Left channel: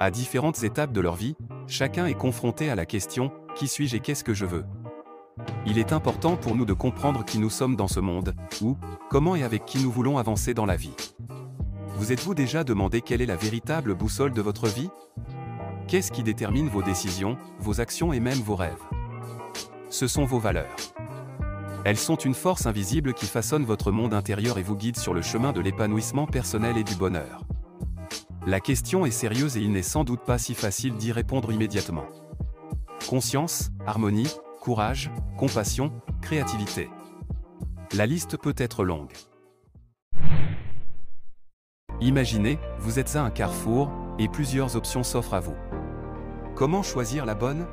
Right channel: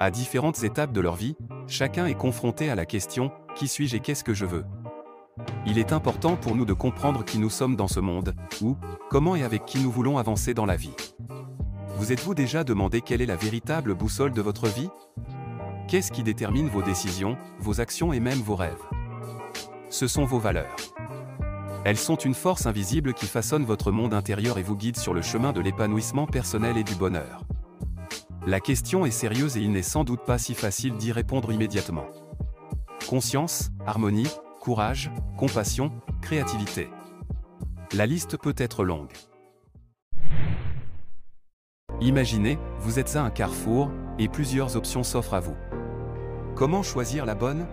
À différentes étapes de leur vie, chacun est confronté à la question « Qui suis-je et qu'est-ce que je veux ?» Il est important pour nous de comprendre qui nous sommes dans ce monde, où, comment et avec qui nous voulons avancer dans la vie. Vous êtes-vous déjà demandé quelle est la véritable boussole de votre vie? Qu'est-ce qui détermine vos décisions, vos actions et même vos rêves? Ce sont vos valeurs. Elles sont une force invisible qui façonne votre monde intérieur et vous guide sur le chemin de l'épanouissement personnel et du bonheur. La question est sérieuse et il n'est sans doute pas si facile d'y répondre immédiatement. Conscience, harmonie, courage, compassion, créativité. La liste peut être longue. Imaginez, vous êtes à un carrefour, et plusieurs options s'offrent à vous. Comment choisir la bonne?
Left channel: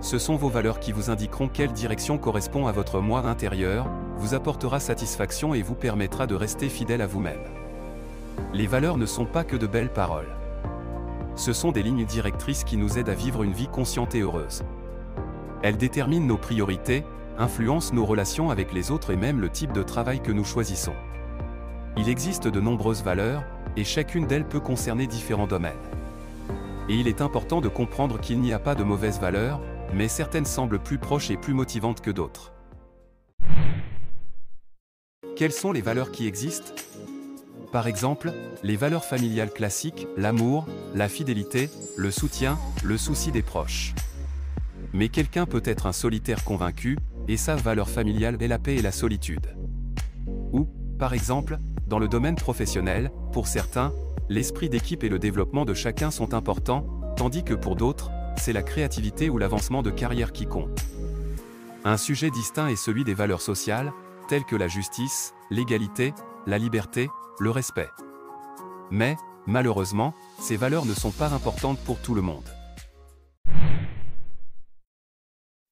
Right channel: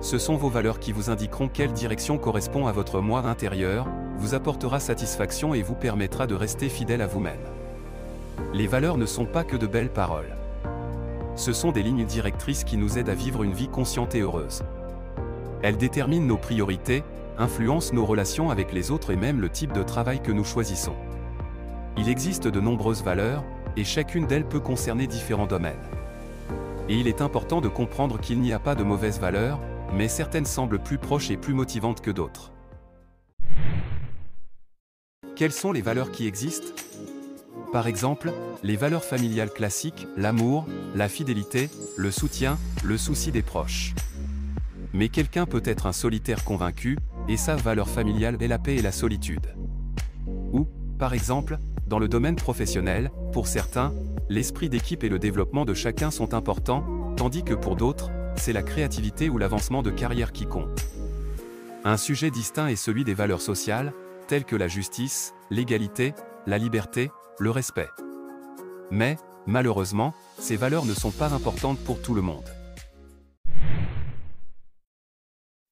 Ce sont vos valeurs qui vous indiqueront quelle direction correspond à votre moi intérieur, vous apportera satisfaction et vous permettra de rester fidèle à vous-même. Les valeurs ne sont pas que de belles paroles. Ce sont des lignes directrices qui nous aident à vivre une vie consciente et heureuse. Elles déterminent nos priorités, influencent nos relations avec les autres et même le type de travail que nous choisissons. Il existe de nombreuses valeurs, et chacune d'elles peut concerner différents domaines. Et il est important de comprendre qu'il n'y a pas de mauvaises valeurs, mais certaines semblent plus proches et plus motivantes que d'autres. Quelles sont les valeurs qui existent? Par exemple, les valeurs familiales classiques, l'amour, la fidélité, le soutien, le souci des proches. Mais quelqu'un peut être un solitaire convaincu, et sa valeur familiale est la paix et la solitude. Ou, par exemple, dans le domaine professionnel, pour certains, l'esprit d'équipe et le développement de chacun sont importants, tandis que pour d'autres, c'est la créativité ou l'avancement de carrière qui compte. Un sujet distinct est celui des valeurs sociales, telles que la justice, l'égalité, la liberté, le respect. Mais, malheureusement, ces valeurs ne sont pas importantes pour tout le monde.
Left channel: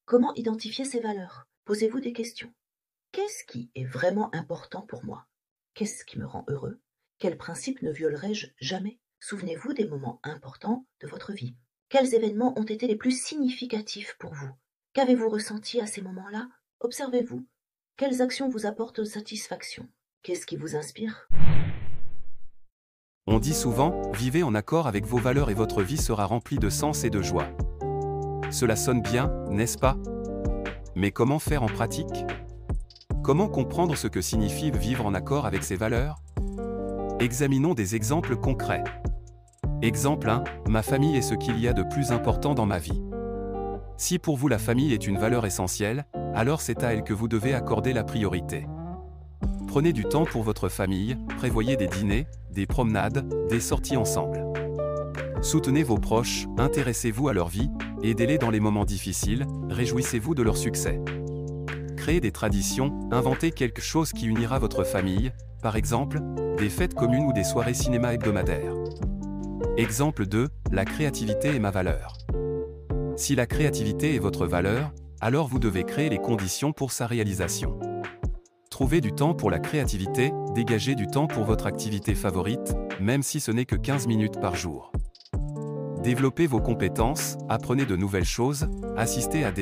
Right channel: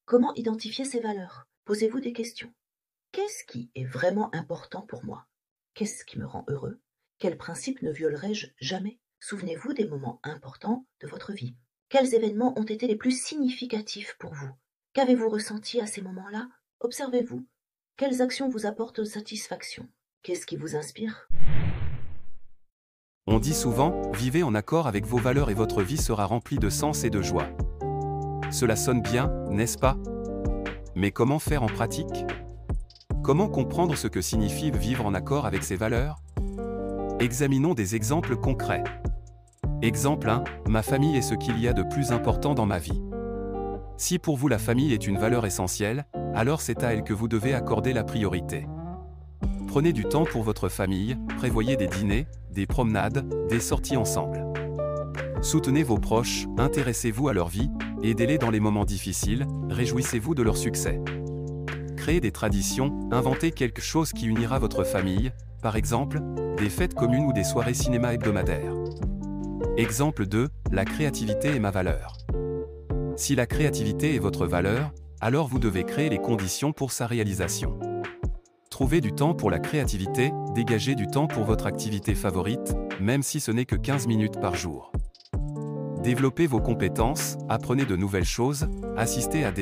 Comment identifier ces valeurs? Posez-vous des questions. Qu'est-ce qui est vraiment important pour moi? Qu'est-ce qui me rend heureux? Quels principes ne violerai-je jamais? Souvenez-vous des moments importants de votre vie. Quels événements ont été les plus significatifs pour vous? Qu'avez-vous ressenti à ces moments-là? Observez-vous. Quelles actions vous apportent satisfaction? Qu'est-ce qui vous inspire? On dit souvent, vivez en accord avec vos valeurs et votre vie sera remplie de sens et de joie. Cela sonne bien, n'est-ce pas? Mais comment faire en pratique? Comment comprendre ce que signifie vivre en accord avec ses valeurs? Examinons des exemples concrets. Exemple 1, ma famille est ce qu'il y a de plus important dans ma vie. Si pour vous la famille est une valeur essentielle, alors c'est à elle que vous devez accorder la priorité. Prenez du temps pour votre famille, prévoyez des dîners, des promenades, des sorties ensemble. Soutenez vos proches, intéressez-vous à leur vie, aidez-les dans les moments difficiles, réjouissez-vous de leur succès. Créez des traditions, inventez quelque chose qui unira votre famille, par exemple, des fêtes communes ou des soirées cinéma hebdomadaires. Exemple 2, la créativité est ma valeur. Si la créativité est votre valeur, alors vous devez créer les conditions pour sa réalisation. Trouvez du temps pour la créativité, dégagez du temps pour votre activité favorite, même si ce n'est que 15 minutes par jour. Développez vos compétences, apprenez de nouvelles choses, assistez à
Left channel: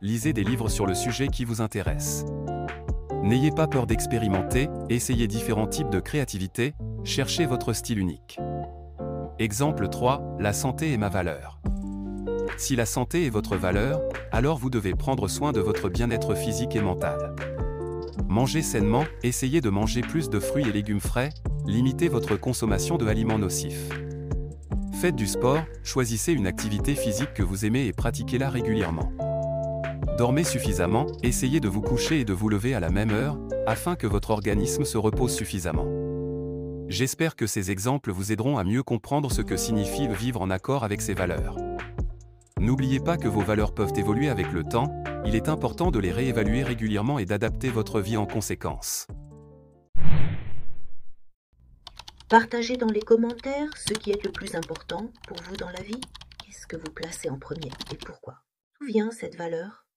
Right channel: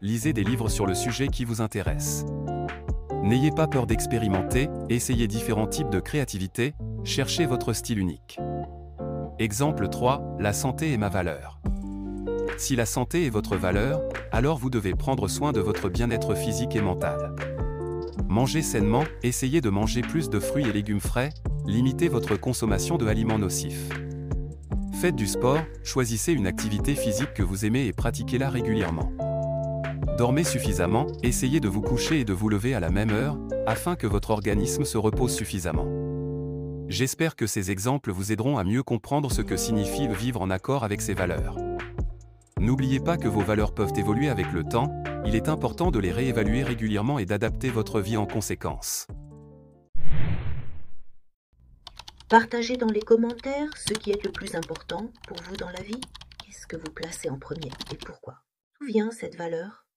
lisez des livres sur le sujet qui vous intéresse. N'ayez pas peur d'expérimenter, essayez différents types de créativité, cherchez votre style unique. Exemple 3, la santé est ma valeur. Si la santé est votre valeur, alors vous devez prendre soin de votre bien-être physique et mental. Mangez sainement, essayez de manger plus de fruits et légumes frais, limitez votre consommation de aliments nocifs. Faites du sport, choisissez une activité physique que vous aimez et pratiquez-la régulièrement. Dormez suffisamment, essayez de vous coucher et de vous lever à la même heure, afin que votre organisme se repose suffisamment. J'espère que ces exemples vous aideront à mieux comprendre ce que signifie vivre en accord avec ses valeurs. N'oubliez pas que vos valeurs peuvent évoluer avec le temps, il est important de les réévaluer régulièrement et d'adapter votre vie en conséquence. Partagez dans les commentaires ce qui est le plus important pour vous dans la vie. Qu'est-ce que vous placez en premier et pourquoi? D'où vient cette valeur?